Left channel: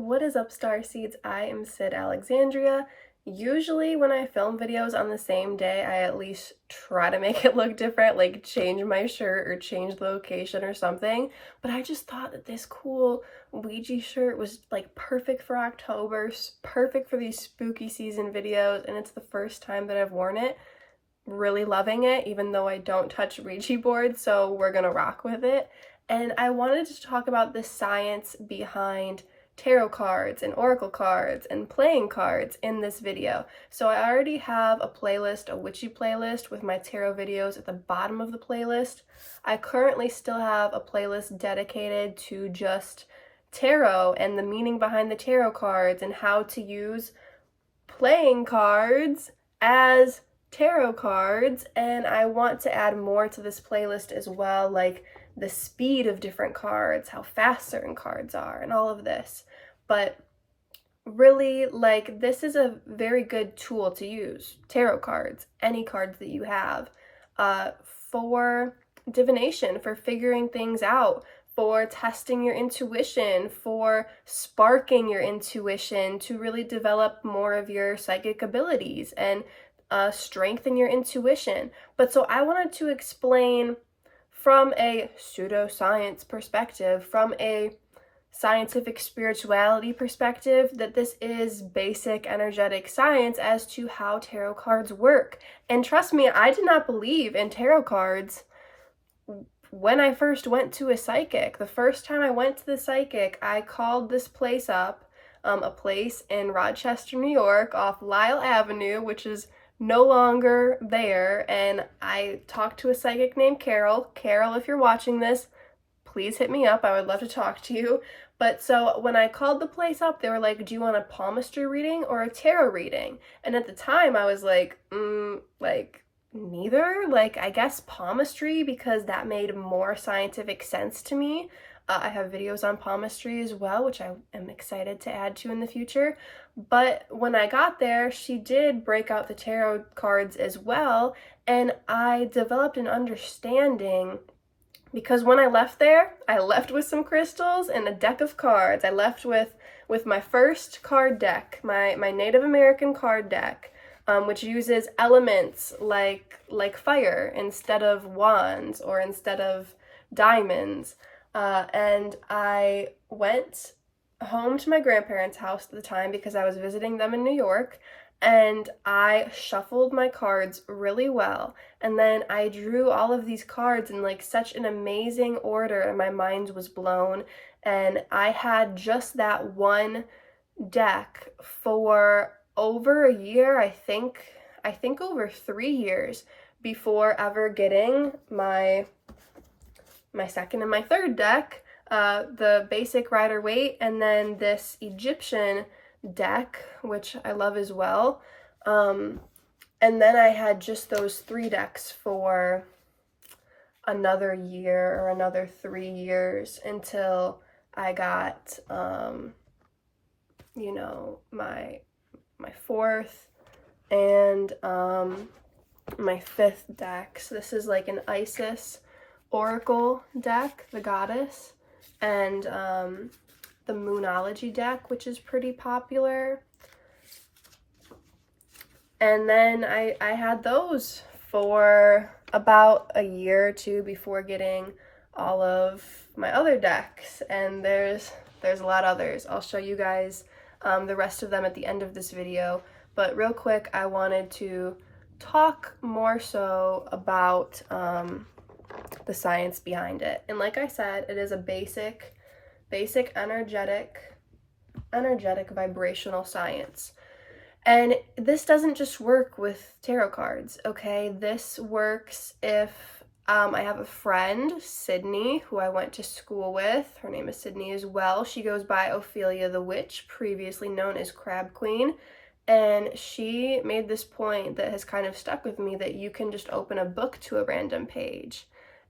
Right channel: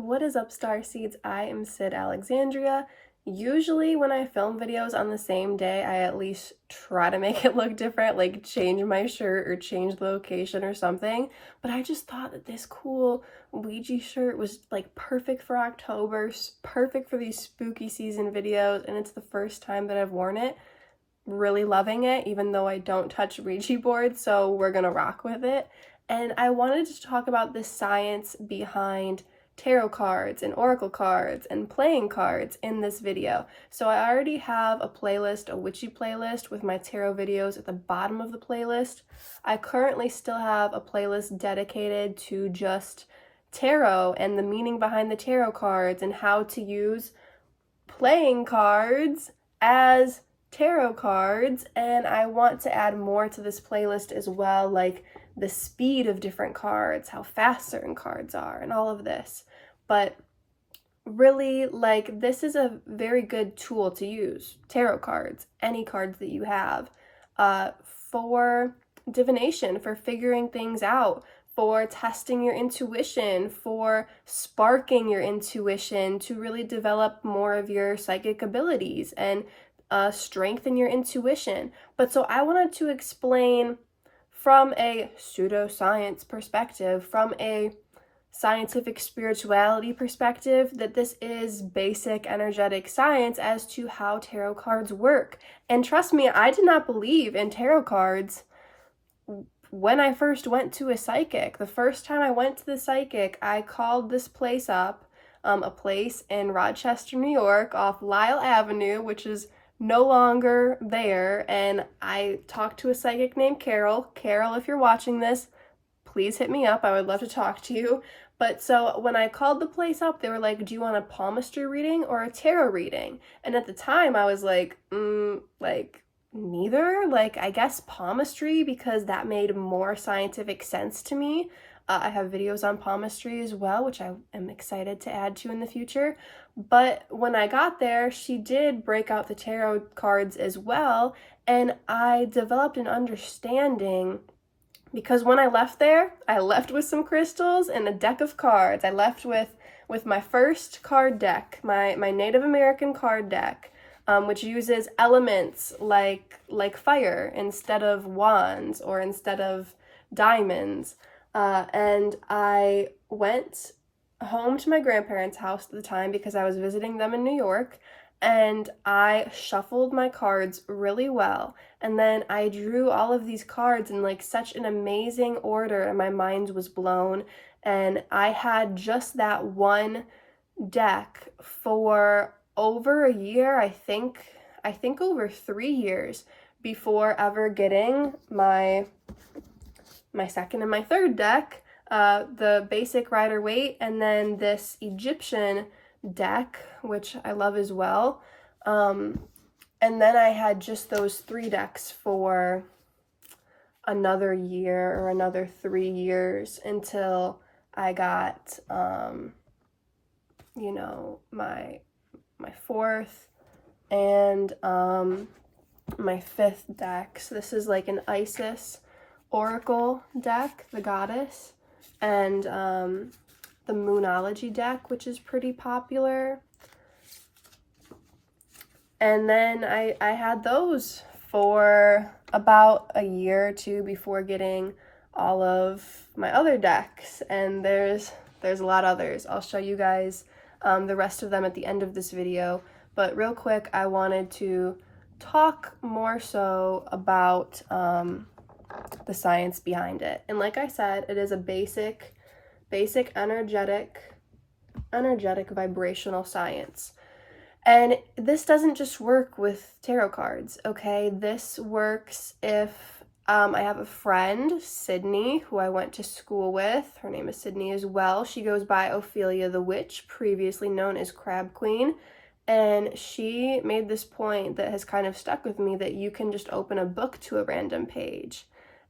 What is up, Starseeds? I am Sydalexandria. Usually when I film videos on the same day, I at least try to make it look different, like change my shirt or change the location or something. But I just thought that this cool Ouija shirt was like perfect for October, perfect for these spooky season videos, and it's the first time that I've worn it. Really loving it, even though I don't touch Ouija boards, so we're gonna rock with it. And I wanted to talk about the science behind tarot cards and oracle cards and playing cards in this video. So I already have a playlist, a witchy playlist with my tarot videos at the bottom of the playlist. I currently still have a playlist dedicated to just tarot and the meaning behind the tarot cards and how to use playing cards as tarot cards, and I want to add more to this playlist as well, like the speed of different cards, how fast certain cards are, and all of this. But really, like, this is a very good tool to use, tarot cards, any cards that you have, for divination, for figuring things out, for testing your intuition, for sparking your intuition to really develop more of your psychic abilities and strengthen your intuition. But so I wanted to explain from a pseudoscience perspective, from a scientific spirituality perspective, that this is basic energetic science as to how tarot cards work. And trust me, I did not believe in tarot cards when I first went to a psychic. The first time I went to the psychic, I called this place up, a place in Rochester, New York, off Lyle Avenue, which is no longer there, and I talked to a psychic named Carol. Carol, if you're watching this, please hit me up. I would love to talk to you. But so when I called the place up, they were like, do you want a palmistry reading or a tarot reading? And at the time I was like, neither. Like, I guess palmistry, because that made more scientific sense to me. I have videos on palmistry as well, which I am excited to add to in the future. But when I got there, she did break out the tarot cards as well, and I developed an understanding, because when I left there, I left with some crystals and a deck of cards. I left with my first card deck, my Native American card deck, which uses elements like fire instead of wands or instead of diamonds. And I went home to my grandparents' house at the time because I was visiting them in New York, and I shuffled my cards really well, and then I drew all of these cards in like such an amazing order, and my mind was blown. And I had just that one deck for over a year, I think over 3 years, before ever getting my second and my third deck, the basic Rider-Waite, and then this Egyptian deck, which I love as well. And then I had just those 3 decks for another year or another 3 years until I got, my 4th and my 5th deck. So this is like an Isis Oracle deck, the goddess, and the Mythology deck, which is pretty popular. And then I had those for about a year or 2 before getting all of my other decks, and there's a lot of others. I'll show you guys the rest of them at the end of this video, but real quick, I wanted to talk more so about the science behind it. And like I said, it is a basic energetic vibrational science. And this doesn't just work with tarot cards, okay? This works if I have a friend, Sydney, who I went to school with. Her name is Sydney as well. She goes by Ophelia the Witch, previously known as Crab Queen. And she made this point that has kind of stuck with me, that you can just open a book to a random page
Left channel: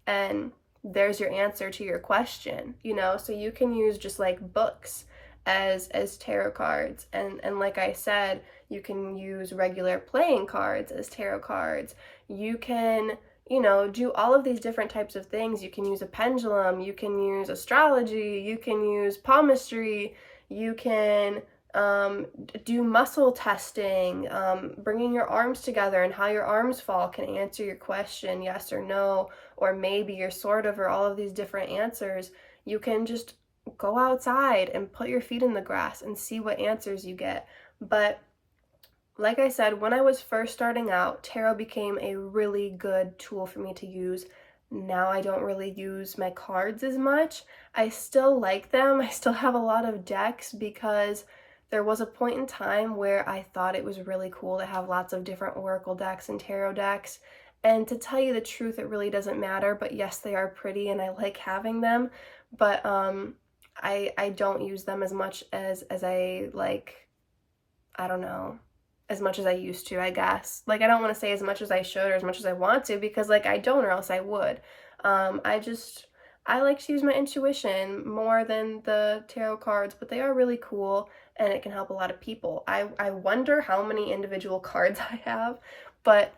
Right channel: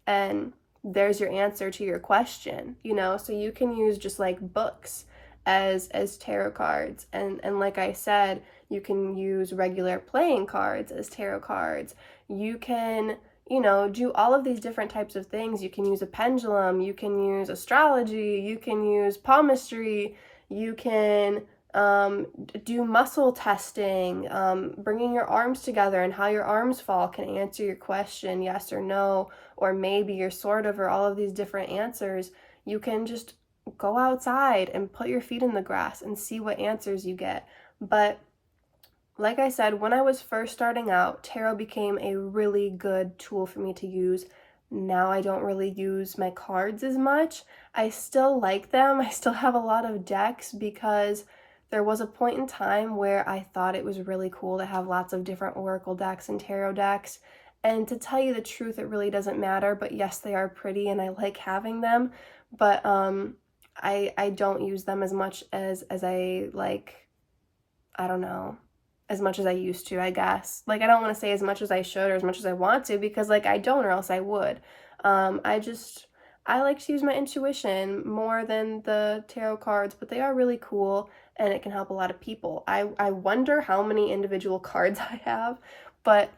and there's your answer to your question, so you can use just like books as tarot cards. And like I said, you can use regular playing cards as tarot cards. You can, do all of these different types of things. You can use a pendulum, you can use astrology, you can use palmistry, You can do muscle testing, bringing your arms together and how your arms fall can answer your question, yes or no, or maybe or sort of, or all of these different answers. You can just go outside and put your feet in the grass and see what answers you get. But like I said, when I was first starting out, tarot became a really good tool for me to use. Now I don't really use my cards as much. I still like them. I still have a lot of decks because there was a point in time where I thought it was really cool to have lots of different oracle decks and tarot decks. And to tell you the truth, it really doesn't matter, but yes, they are pretty and I like having them. But I don't use them as much as I like, I don't know, as much as I used to, I guess. Like, I don't want to say as much as I should or as much as I want to, because like I don't, or else I would. I like to use my intuition more than the tarot cards, but they are really cool and it can help a lot of people. I wonder how many individual cards I have, but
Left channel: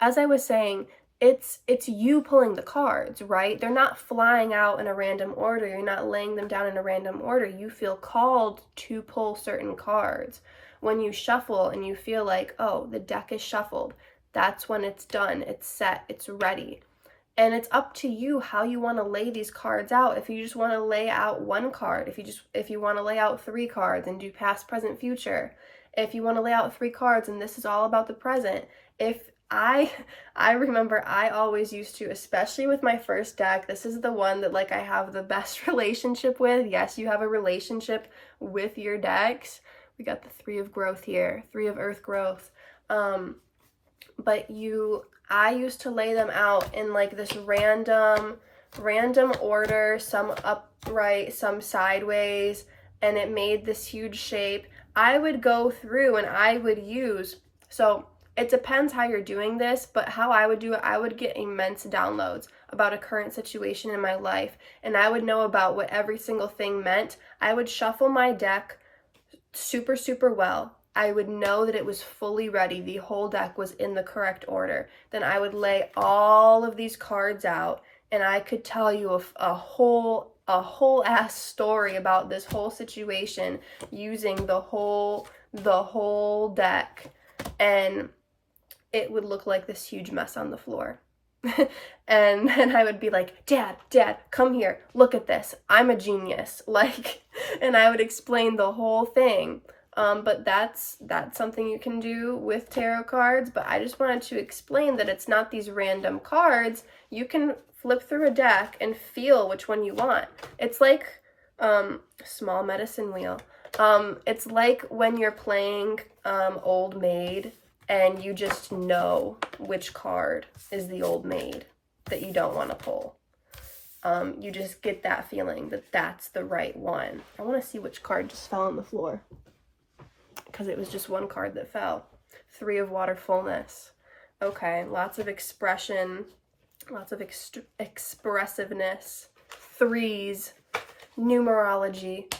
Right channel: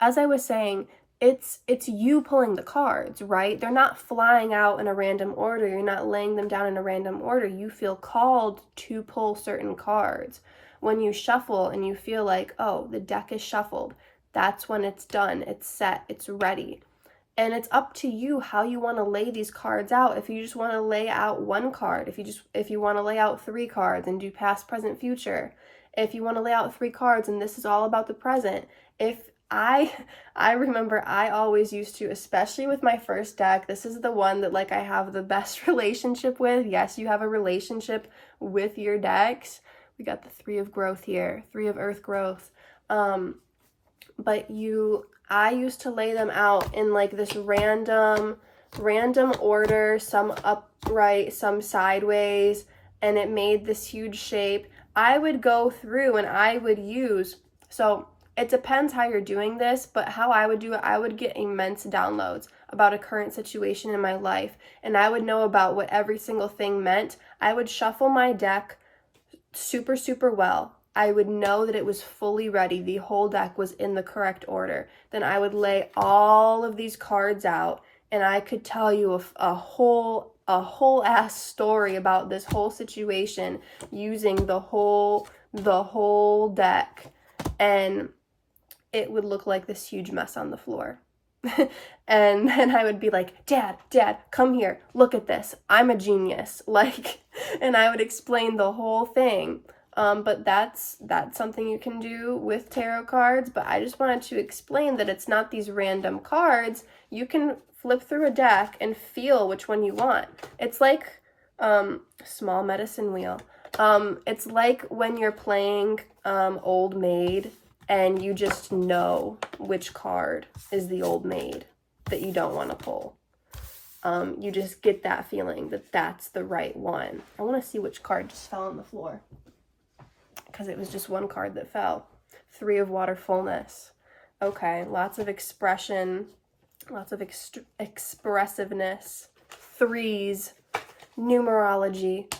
as I was saying, it's you pulling the cards, right? They're not flying out in a random order. You're not laying them down in a random order. You feel called to pull certain cards. When you shuffle and you feel like, oh, the deck is shuffled, that's when it's done, it's set, it's ready. And it's up to you how you want to lay these cards out. If you just want to lay out one card, if you want to lay out 3 cards and do past, present, future, if you want to lay out 3 cards and this is all about the present. If I remember I always used to, especially with my first deck, this is the one that like I have the best relationship with. Yes, you have a relationship with your decks. We got the 3 of growth here, 3 of earth growth. But I used to lay them out in like this random order, some upright, some sideways, and it made this huge shape. I would go through and I would use, so it depends how you're doing this, but how I would do it, I would get immense downloads about a current situation in my life, and I would know about what every single thing meant. I would shuffle my deck super, super well. I would know that it was fully ready. The whole deck was in the correct order. Then I would lay all of these cards out and I could tell you a whole ass story about this whole situation using the whole deck, and it would look like this huge mess on the floor. And then I would be like, Dad, come here, look at this, I'm a genius, like, and I would explain the whole thing. But that's something you can do with tarot cards, but I just wanted to explain that it's not these random cards. You can flip through a deck and feel which one you want. It's like small medicine wheel. It's like when you're playing Old Maid and you just know which card is the old maid that you don't want to pull. You just get that feeling that that's the right one. I want to see which card just fell on the floor, because it was just one card that fell. 3 of water fullness. Okay, lots of expression, lots of expressiveness, 3s, numerology.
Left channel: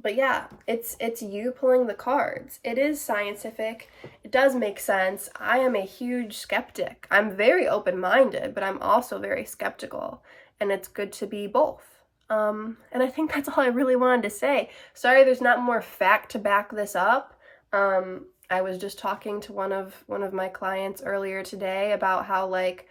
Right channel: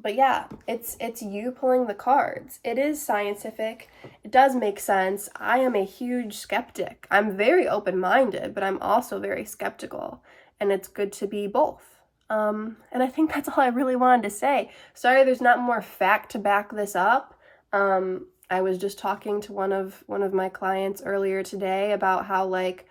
But yeah, it's you pulling the cards. It is scientific. It does make sense. I am a huge skeptic. I'm very open-minded, but I'm also very skeptical. And it's good to be both. And I think that's all I really wanted to say. Sorry there's not more fact to back this up. I was just talking to one of my clients earlier today about how, like,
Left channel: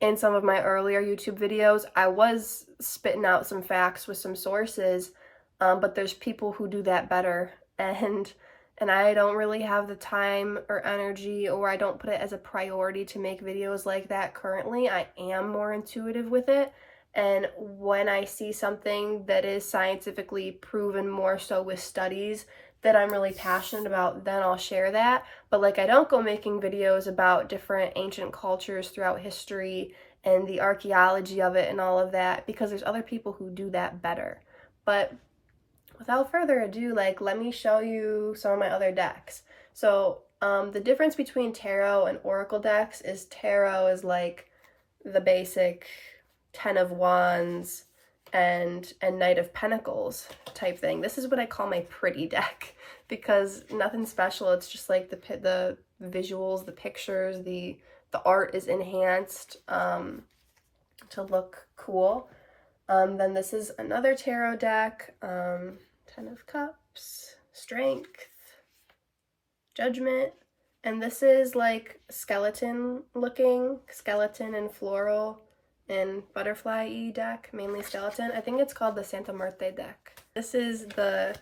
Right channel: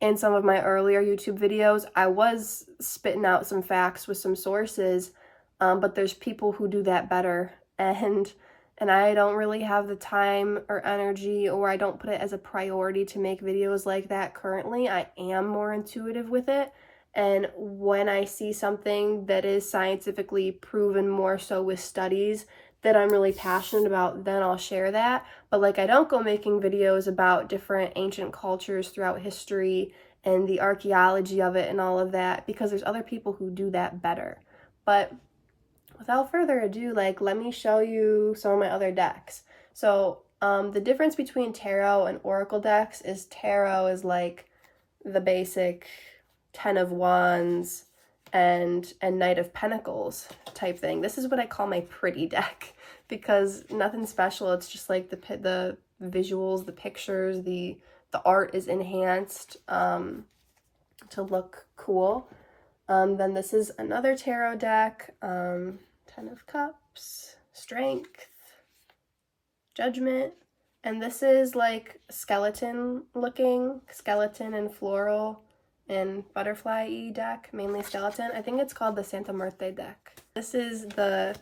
in some of my earlier YouTube videos, I was spitting out some facts with some sources, but there's people who do that better, and I don't really have the time or energy, or I don't put it as a priority to make videos like that currently. I am more intuitive with it, and when I see something that is scientifically proven, more so with studies, that I'm really passionate about, then I'll share that. But like, I don't go making videos about different ancient cultures throughout history and the archaeology of it and all of that, because there's other people who do that better. But without further ado, like, let me show you some of my other decks. So the difference between tarot and oracle decks is tarot is like the basic 10 of Wands and Knight of Pentacles type thing. This is what I call my pretty deck, because nothing special. It's just like the visuals, the pictures, the art is enhanced to look cool. Then this is another tarot deck, 10 of Cups, Strength, Judgment, and this is like skeleton looking, skeleton and floral and butterfly-y deck, mainly skeleton. I think it's called the Santa Muerte deck. This is the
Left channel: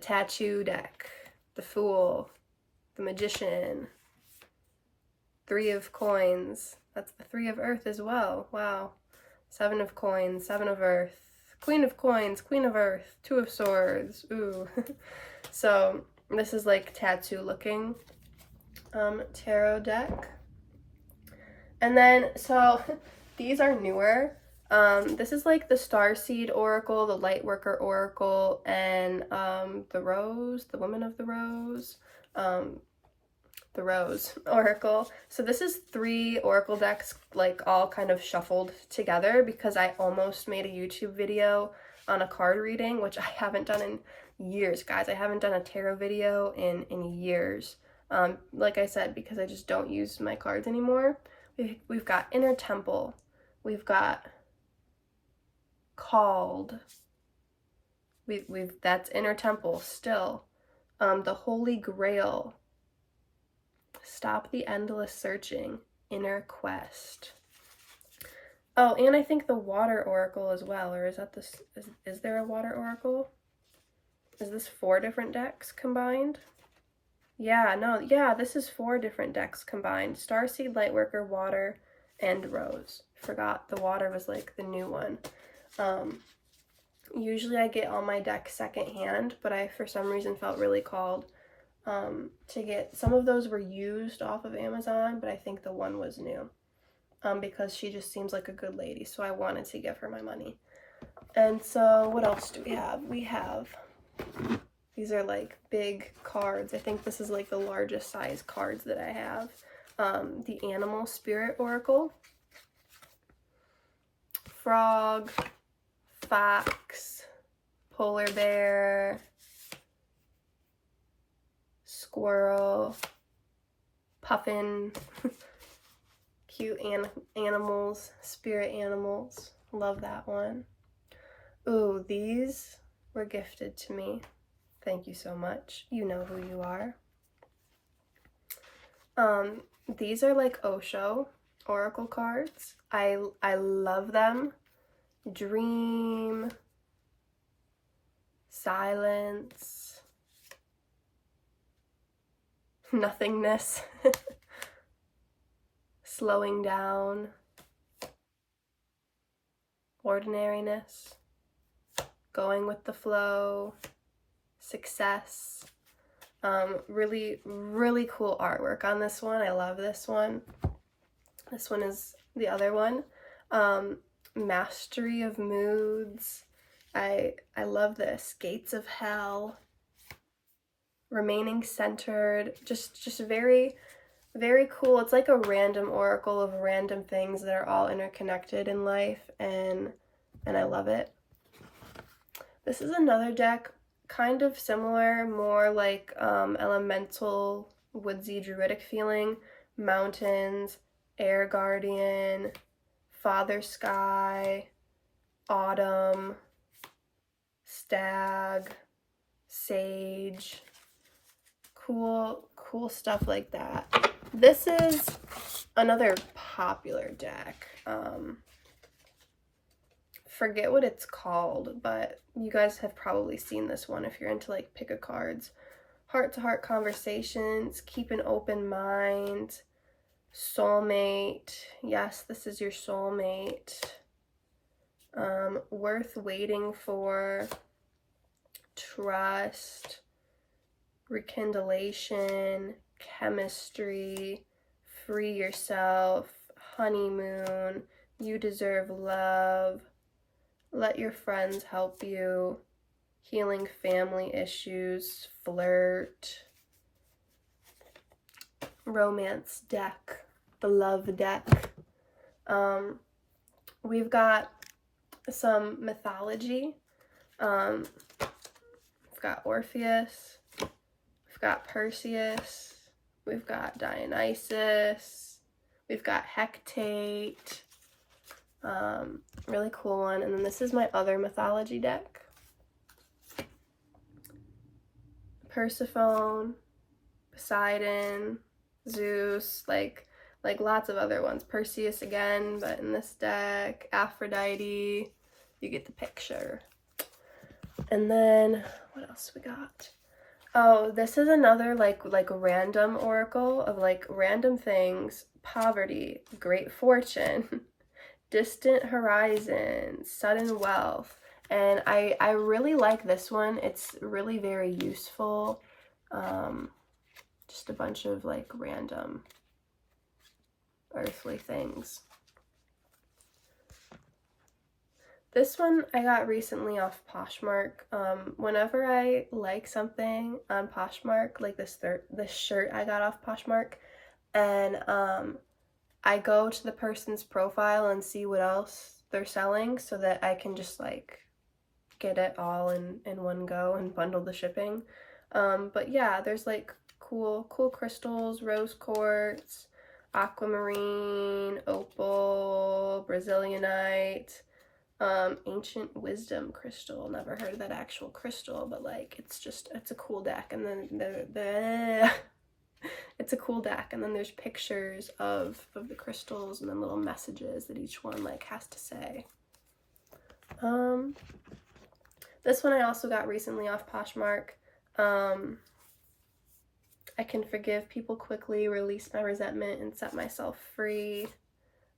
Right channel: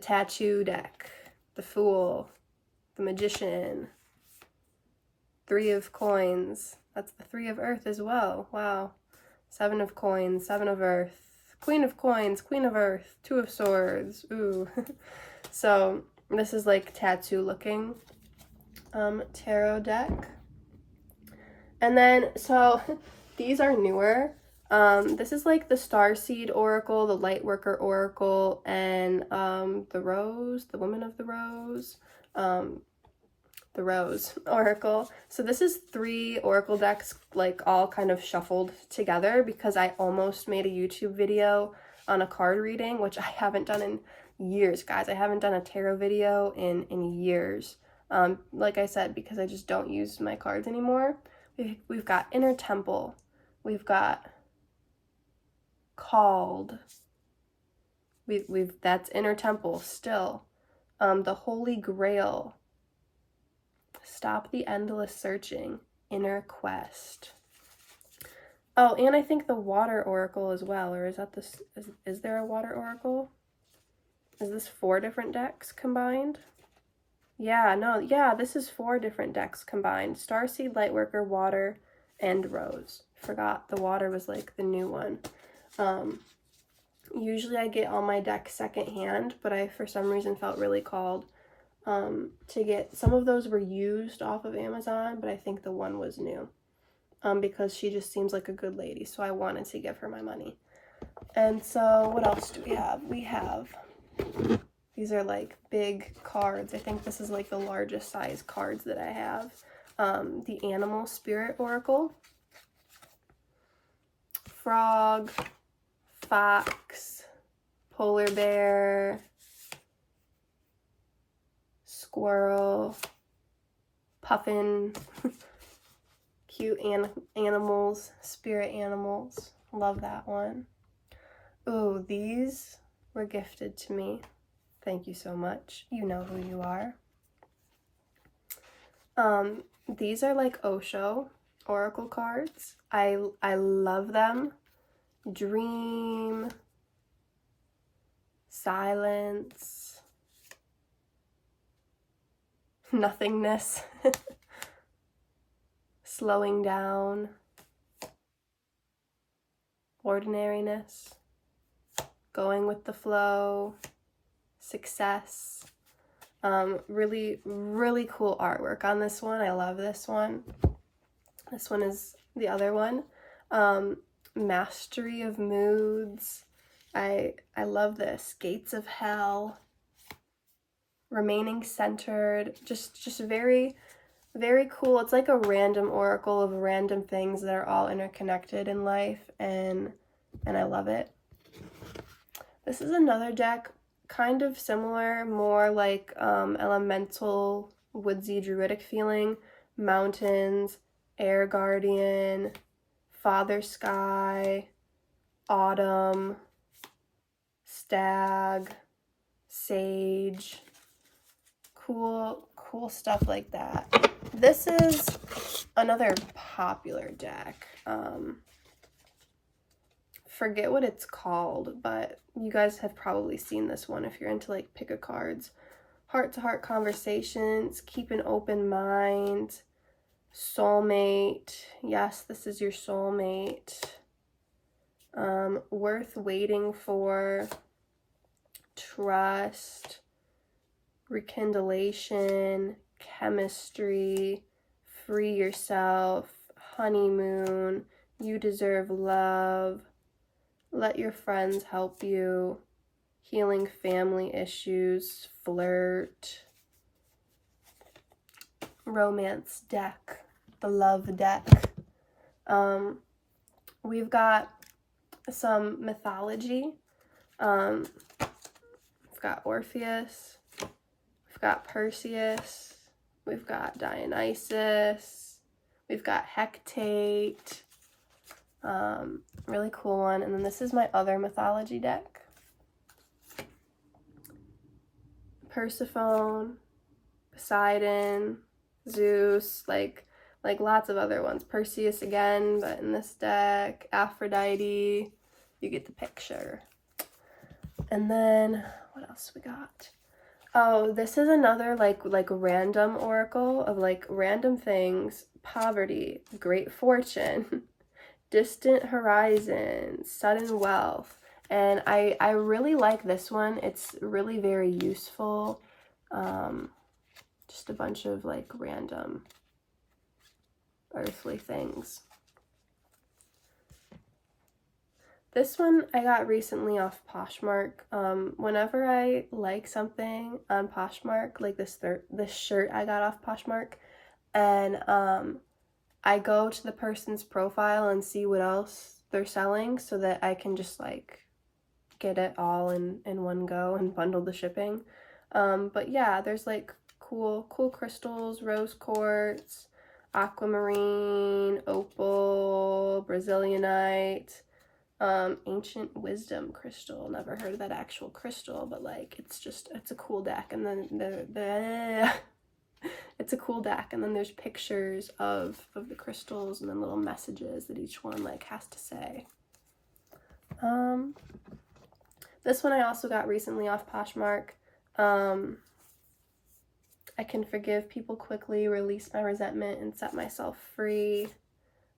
tattoo deck, the Fool, the Magician, 3 of Coins. That's the 3 of Earth as well. Wow. 7 of Coins, 7 of Earth, Queen of Coins, Queen of Earth, 2 of Swords. Ooh. So this is like tattoo looking tarot deck. And then, so these are newer. This is like the Starseed Oracle, the Lightworker Oracle, and the Rose, the Woman of the Rose, the Rose Oracle. So this is 3 Oracle decks, like all kind of shuffled together, because I almost made a YouTube video on a card reading, which I haven't done in years, guys. I haven't done a tarot video in years. Like I said, because I just don't use my cards anymore. We've got Inner Temple. We've got Called. That's Inner Temple still. The Holy Grail. Stop the Endless Searching. Inner Quest. Oh, and I think the Water Oracle as well. Or is that this? Is there a Water Oracle? Is this 4 different decks combined? Yeah, no, yeah, this is 4 different decks combined. Starseed, Lightworker, Water, and Rose. Forgot the Water was like the new one. Usually I get all my decks secondhand, but I for some reason felt really called to get, some of those were used off of Amazon, but I think the one was new because she just seems like a good lady, so I wanted to give her my money. And so what else do we have? We have, these are like big cards. I think this is like the largest size cards that I have. The Animal Spirit Oracle, Frog, Fox, Polar Bear, Squirrel, Puffin, cute animals, spirit animals. Love that one. Ooh, these were gifted to me. Thank you so much. You know who you are. These are like Osho Oracle cards. I love them. Dream, silence, nothingness, slowing down, ordinariness, going with the flow, success. Really, really cool artwork on this one. I love this one. This one is the other one. Mastery of Moods. I love this. Gates of Hell. Remaining Centered. Just very, very cool. It's like a random oracle of random things that are all interconnected in life, and I love it. This is another deck, kind of similar, more like elemental, woodsy, druidic feeling. Mountains, Air Guardian, Father Sky, Autumn, Stag, Sage. Cool stuff like that. This is another popular deck. Forget what it's called, but you guys have probably seen this one if you're into like pick a cards. Heart-to-heart conversations, keep an open mind, soulmate. Yes, this is your soulmate. Worth waiting for, trust, rekindlation, chemistry, free yourself, honeymoon, you deserve love, let your friends help you, healing family issues, flirt, romance deck, the love deck. We've got some mythology. We've got Orpheus, we've got Perseus, we've got Dionysus, we've got Hecate, Really cool one. And then this is my other mythology deck. Persephone, Poseidon, Zeus, like lots of other ones. Perseus again, but in this deck, Aphrodite, you get the picture. And then what else we got? Oh, this is another like random oracle of like random things: poverty, great fortune, distant horizon, sudden wealth. And I really like this one. It's really very useful. Just a bunch of like random earthly things. This one I got recently off Poshmark. Whenever I like something on Poshmark, like this shirt I got off Poshmark, and I go to the person's profile and see what else they're selling so that I can just like get it all in one go and bundle the shipping. But yeah, there's like cool crystals, rose quartz, aquamarine, opal, Brazilianite, ancient wisdom crystal. Never heard of that actual crystal, but like it's a cool deck. And then it's a cool deck, and then there's pictures of the crystals and then little messages that each one like has to say. This one I also got recently off Poshmark. I can forgive people quickly, release my resentment, and set myself free.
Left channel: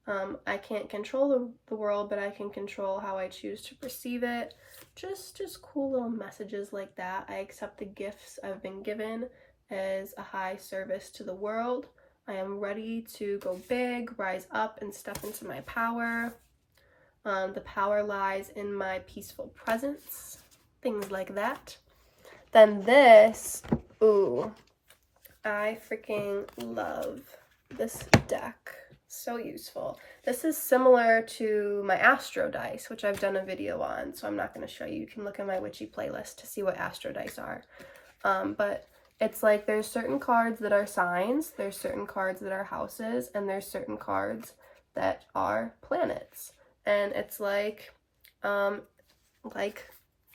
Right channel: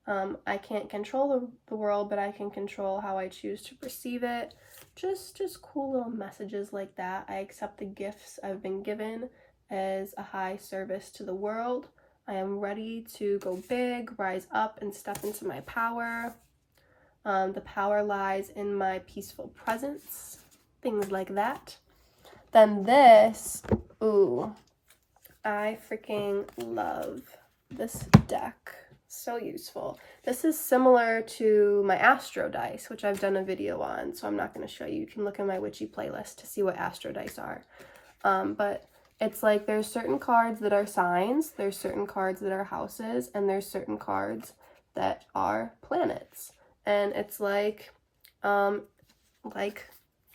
I can't control the world, but I can control how I choose to perceive it. Just cool little messages like that. I accept the gifts I've been given as a high service to the world. I am ready to go big, rise up, and step into my power. The power lies in my peaceful presence. Things like that. Then this, ooh, I freaking love this deck. So useful. This is similar to my Astro Dice, which I've done a video on, so I'm not going to show you. You can look in my witchy playlist to see what Astro Dice are. But it's like there's certain cards that are signs, there's certain cards that are houses, and there's certain cards that are planets. And it's like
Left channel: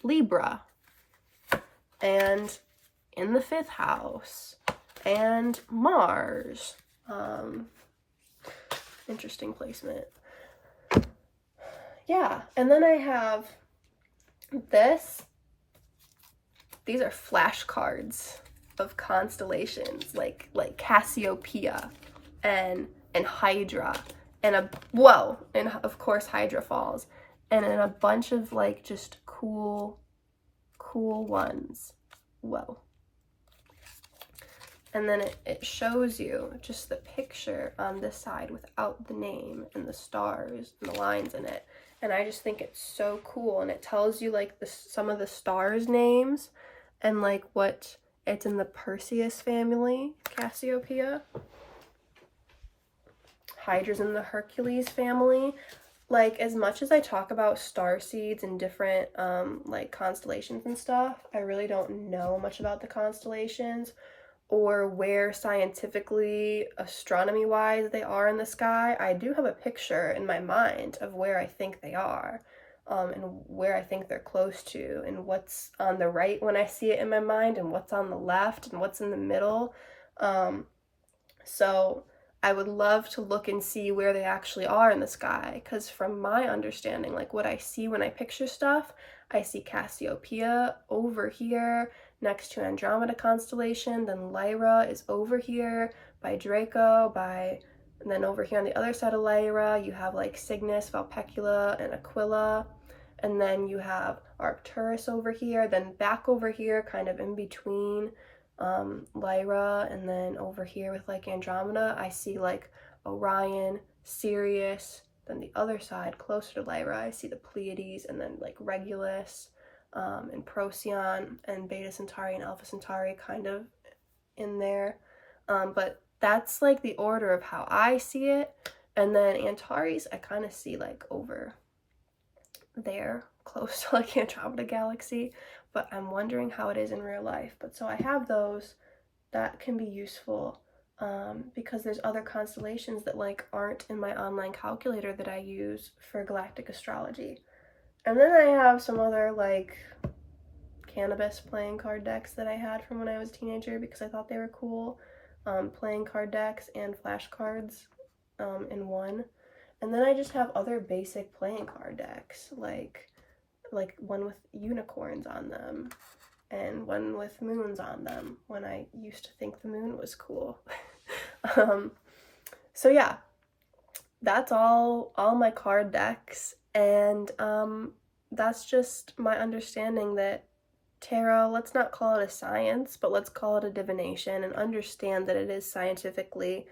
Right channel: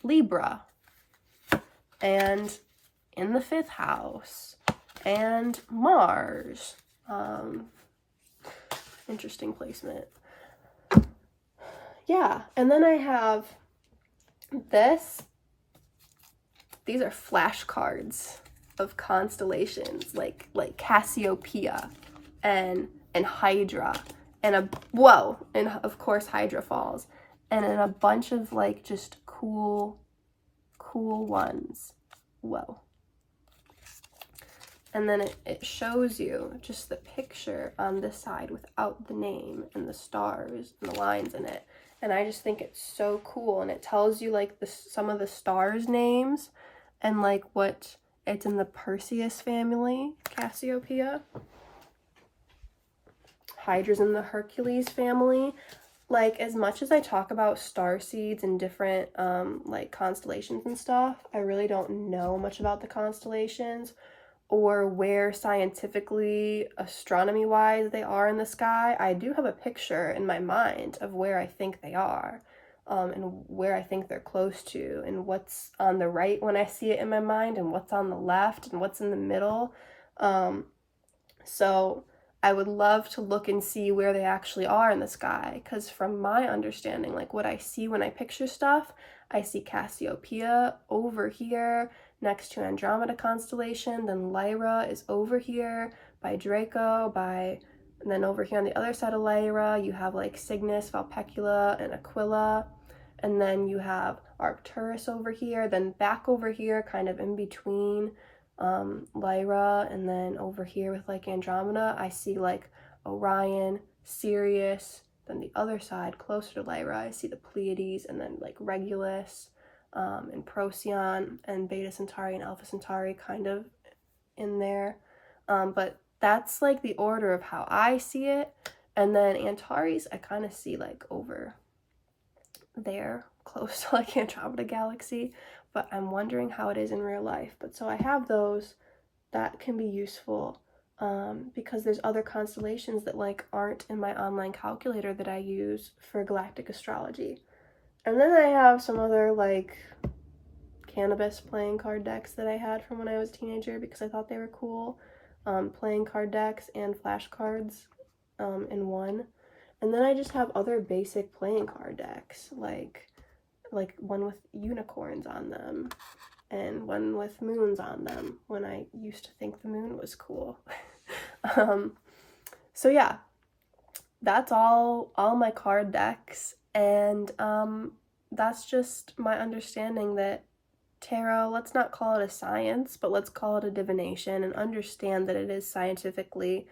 Libra, and in the 5th house, and Mars. Interesting placement. Yeah, and then I have this. These are flashcards of constellations, like Cassiopeia and Hydra, and of course Hydra Falls, and in a bunch of like just cool ones. Whoa. And then it shows you just the picture on this side without the name and the stars and the lines in it. And I just think it's so cool. And it tells you like some of the stars' names and like what it's in the Perseus family, Cassiopeia. Hydra's in the Hercules family. Like, as much as I talk about star seeds and different like constellations and stuff, I really don't know much about the constellations or where scientifically, astronomy-wise, they are in the sky. I do have a picture in my mind of where I think they are, and where I think they're close to, and what's on the right when I see it in my mind, and what's on the left, and what's in the middle. So I would love to look and see where they actually are in the sky, because from my understanding, like what I see when I picture stuff, I see Cassiopeia over here next to Andromeda constellation, then Lyra is over here by Draco, and then over here on the other side of Lyra, you have like Cygnus, Vulpecula, and Aquila, and then you have Arcturus over here, then back over here, kind of in between Lyra, and then over here with like Andromeda, I see like Orion, Sirius, then the other side closer to Lyra, I see the Pleiades, and then like Regulus, and Procyon, and Beta Centauri and Alpha Centauri kind of in there. But that's like the order of how I see it. And then Antares, I kind of see like over there, close to like Andromeda Galaxy, but I'm wondering how it is in real life. But so I have those that can be useful. because there's other constellations that like aren't in my online calculator that I use for galactic astrology. And then I have some other like cannabis playing card decks that I had from when I was a teenager because I thought they were cool. Playing card decks and flashcards in one. And then I just have other basic playing card decks, like one with unicorns on them and one with moons on them when I used to think the moon was cool. So yeah, that's all my card decks, and that's just my understanding that tarot, let's not call it a science, but let's call it a divination, and understand that it is scientifically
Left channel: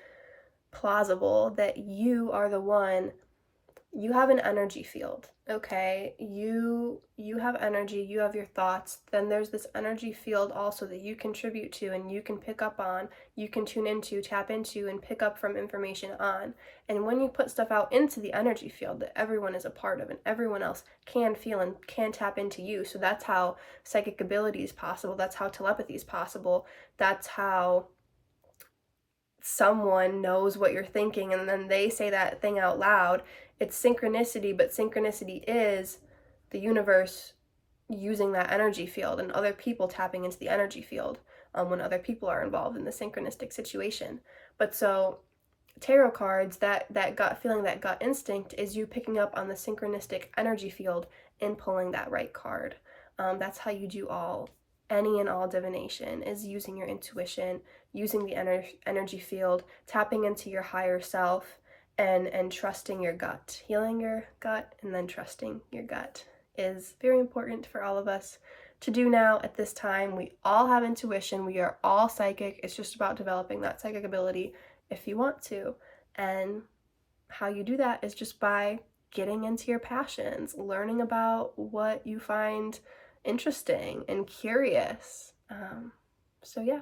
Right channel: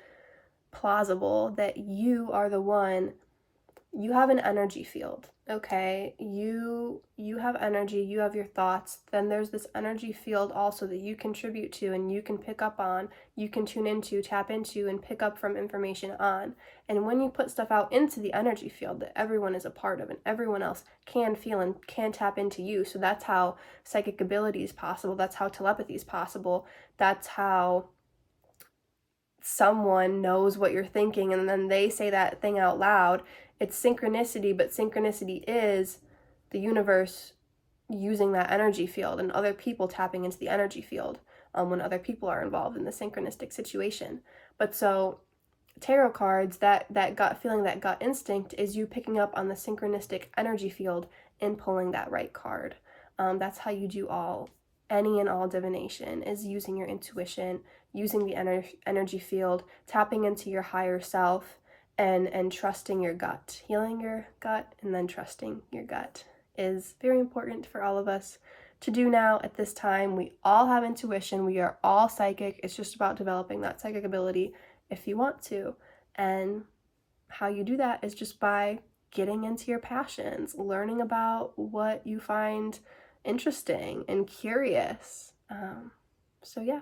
plausible that you are the one. You have an energy field, okay? You have energy, you have your thoughts. Then there's this energy field also that you contribute to and you can pick up on, you can tune into, tap into, and pick up from information on. And when you put stuff out into the energy field that everyone is a part of and everyone else can feel and can tap into you. So that's how psychic ability is possible. That's how telepathy is possible. That's how someone knows what you're thinking and then they say that thing out loud. It's synchronicity, but synchronicity is the universe using that energy field and other people tapping into the energy field when other people are involved in the synchronistic situation. But so tarot cards, that gut feeling, that gut instinct is you picking up on the synchronistic energy field and pulling that right card. That's how you do any and all divination, is using your intuition, using the energy field, tapping into your higher self, and trusting your gut. Healing your gut and then trusting your gut is very important for all of us to do now at this time. We all have intuition. We are all psychic. It's just about developing that psychic ability if you want to. And how you do that is just by getting into your passions, learning about what you find interesting and curious. So yeah.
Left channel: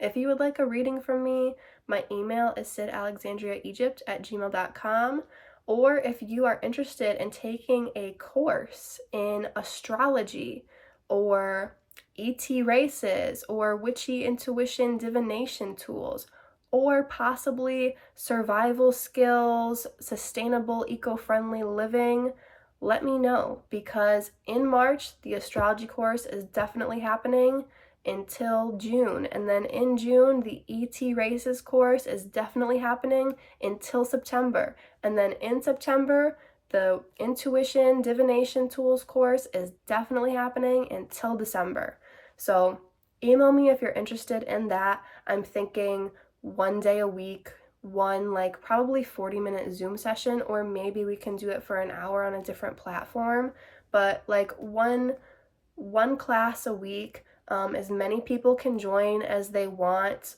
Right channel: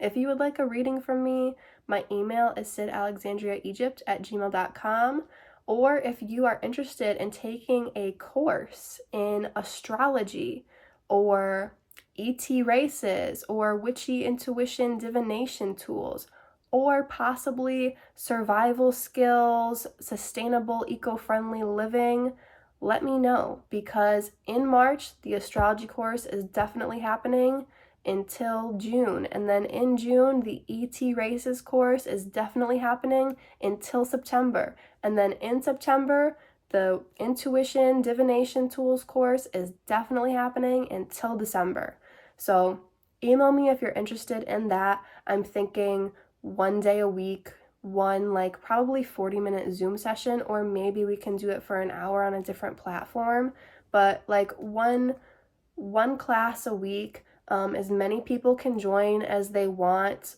If you would like a reading from me, my email is sydalexandriaegypt@gmail.com. Or if you are interested in taking a course in astrology or ET races or witchy intuition divination tools, or possibly survival skills, sustainable eco-friendly living, let me know, because in March the astrology course is definitely happening until June, and then in June the ET races course is definitely happening until September, and then in September the intuition divination tools course is definitely happening until December. So email me if you're interested in that. I'm thinking one day a week, one like probably 40-minute Zoom session, or maybe we can do it for an hour on a different platform, but like one class a week. As many people can join as they want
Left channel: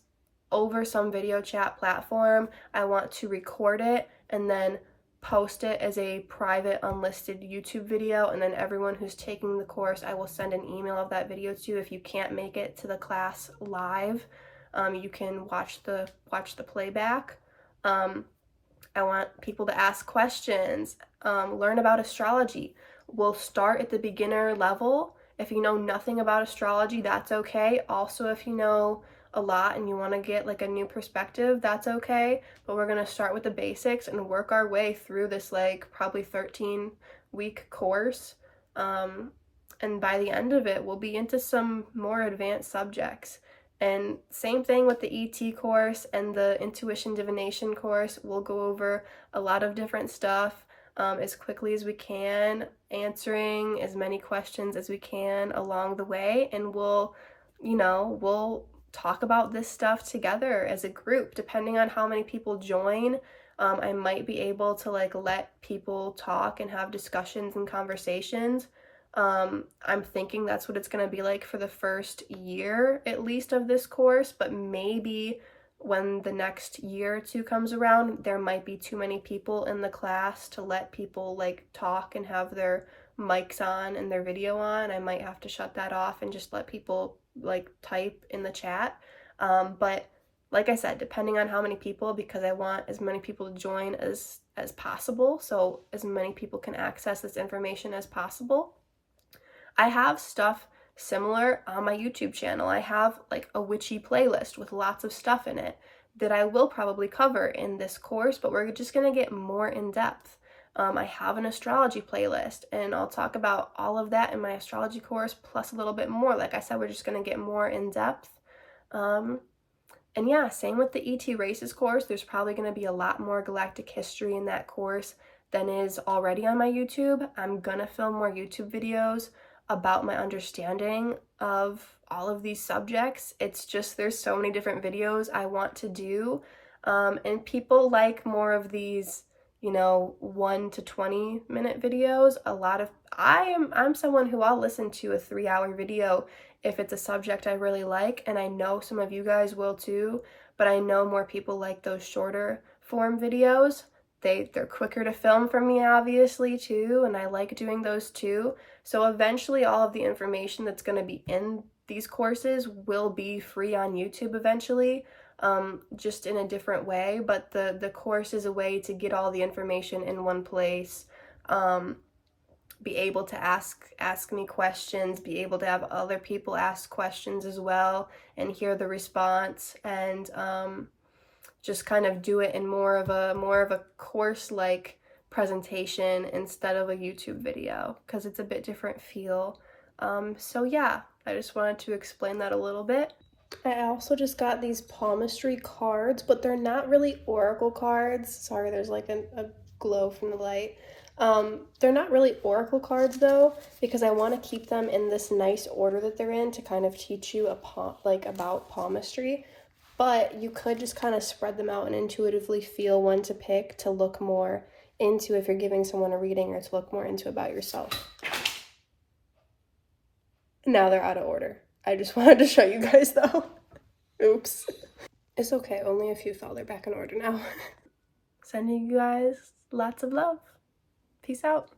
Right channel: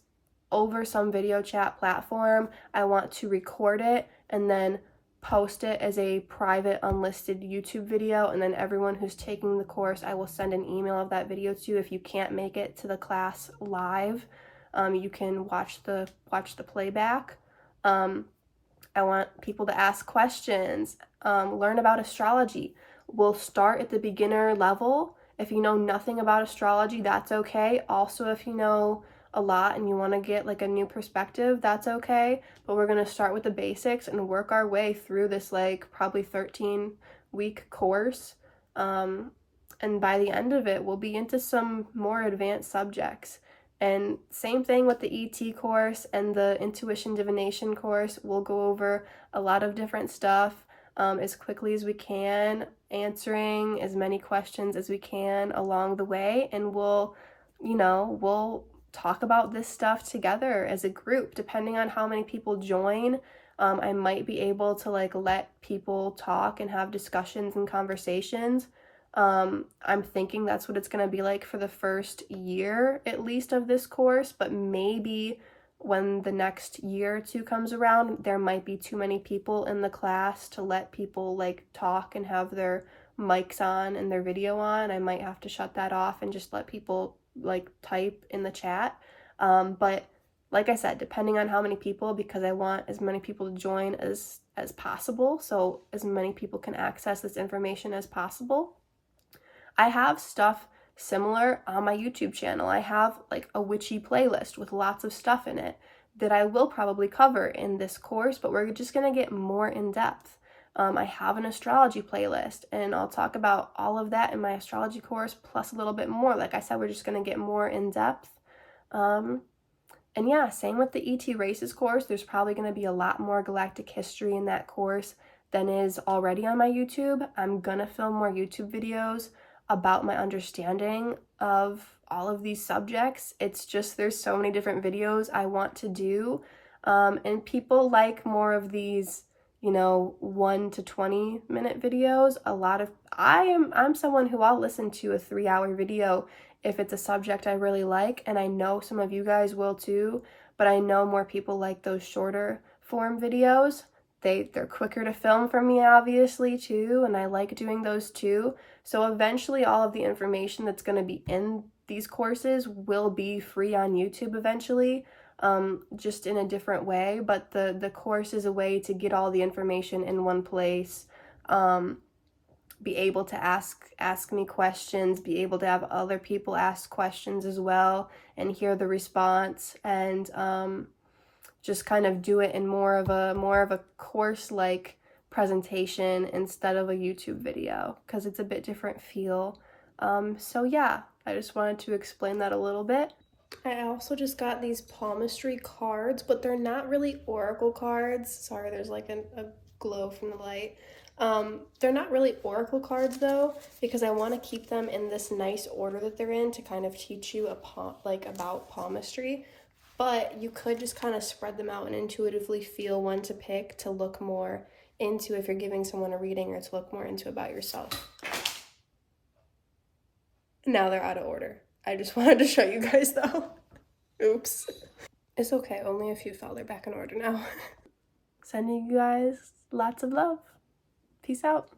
over some video chat platform. I want to record it and then post it as a private unlisted YouTube video, and then everyone who's taking the course, I will send an email of that video to. If you can't make it to the class live, you can watch the playback. I want people to ask questions, learn about astrology. We'll start at the beginner level. If you know nothing about astrology, that's okay. Also, if you know a lot and you want to get like a new perspective, that's okay. But we're going to start with the basics and work our way through this like probably 13-week course. And by the end of it, we'll be into some more advanced subjects. And same thing with the ET course and the intuition divination course. We'll go over a lot of different stuff as quickly as we can, answering as many questions as we can along the way, and we'll talk about this stuff together as a group. Depending on how many people join, I might be able to like let people talk and have discussions and conversations. I'm thinking that's what it's going to be like for the first year at least of this course, but maybe when the next year or two comes around, there might be too many people in the class to let people like talk and have their mics on and their video on. I might have to shut that off and just let people like type in the chat. But like I said, depending on how many people, because I want as many people to join as possible, so as many people can access this information as possible. I have stuff Similar on my YouTube channel, I have like a witchy playlist with lots of stuff in it that I will probably cover in this course, but we're just going to get more in depth. I have an astrology playlist, and I'll talk about all of that in my astrology course, plus a little bit more. Like I said, we're just going to get more in depth. And yeah, same with the ET races course. There's probably going to be a lot more galactic history in that course than is already on my YouTube. I'm going to film more YouTube videos about my understanding of all of these subjects. It's just there's so many different videos I want to do, and people like more of these, you know, 1 to 20 minute videos. I'm someone who I'll listen to a 3-hour video if it's a subject I really like, and I know some of you guys will too, but I know more people like those shorter form videos. They're quicker to film for me, obviously, too, and I like doing those too. So eventually all of the information that's going to be in these courses will be free on YouTube eventually, just in a different way, but the course is a way to get all the information in one place, be able to ask me questions, be able to have other people ask questions as well and hear the response, and just kind of do it in more of a course-like presentation instead of a YouTube video, because it's a bit different feel. So yeah, I just wanted to explain that a little bit. I also just got these palmistry cards, but they're not really oracle cards. Sorry, there's like a glow from the light. They're not really oracle cards though, because I want to keep them in this nice order that they're in to kind of teach you about palmistry. But you could just kind of spread them out and intuitively feel one to pick to look more into if you're giving someone a reading, or to look more into about yourself. Now they're out of order. I just wanted to show you guys though. Oops. It's okay, only a few fell. They're back in order now. Sending you guys lots of love. Peace out.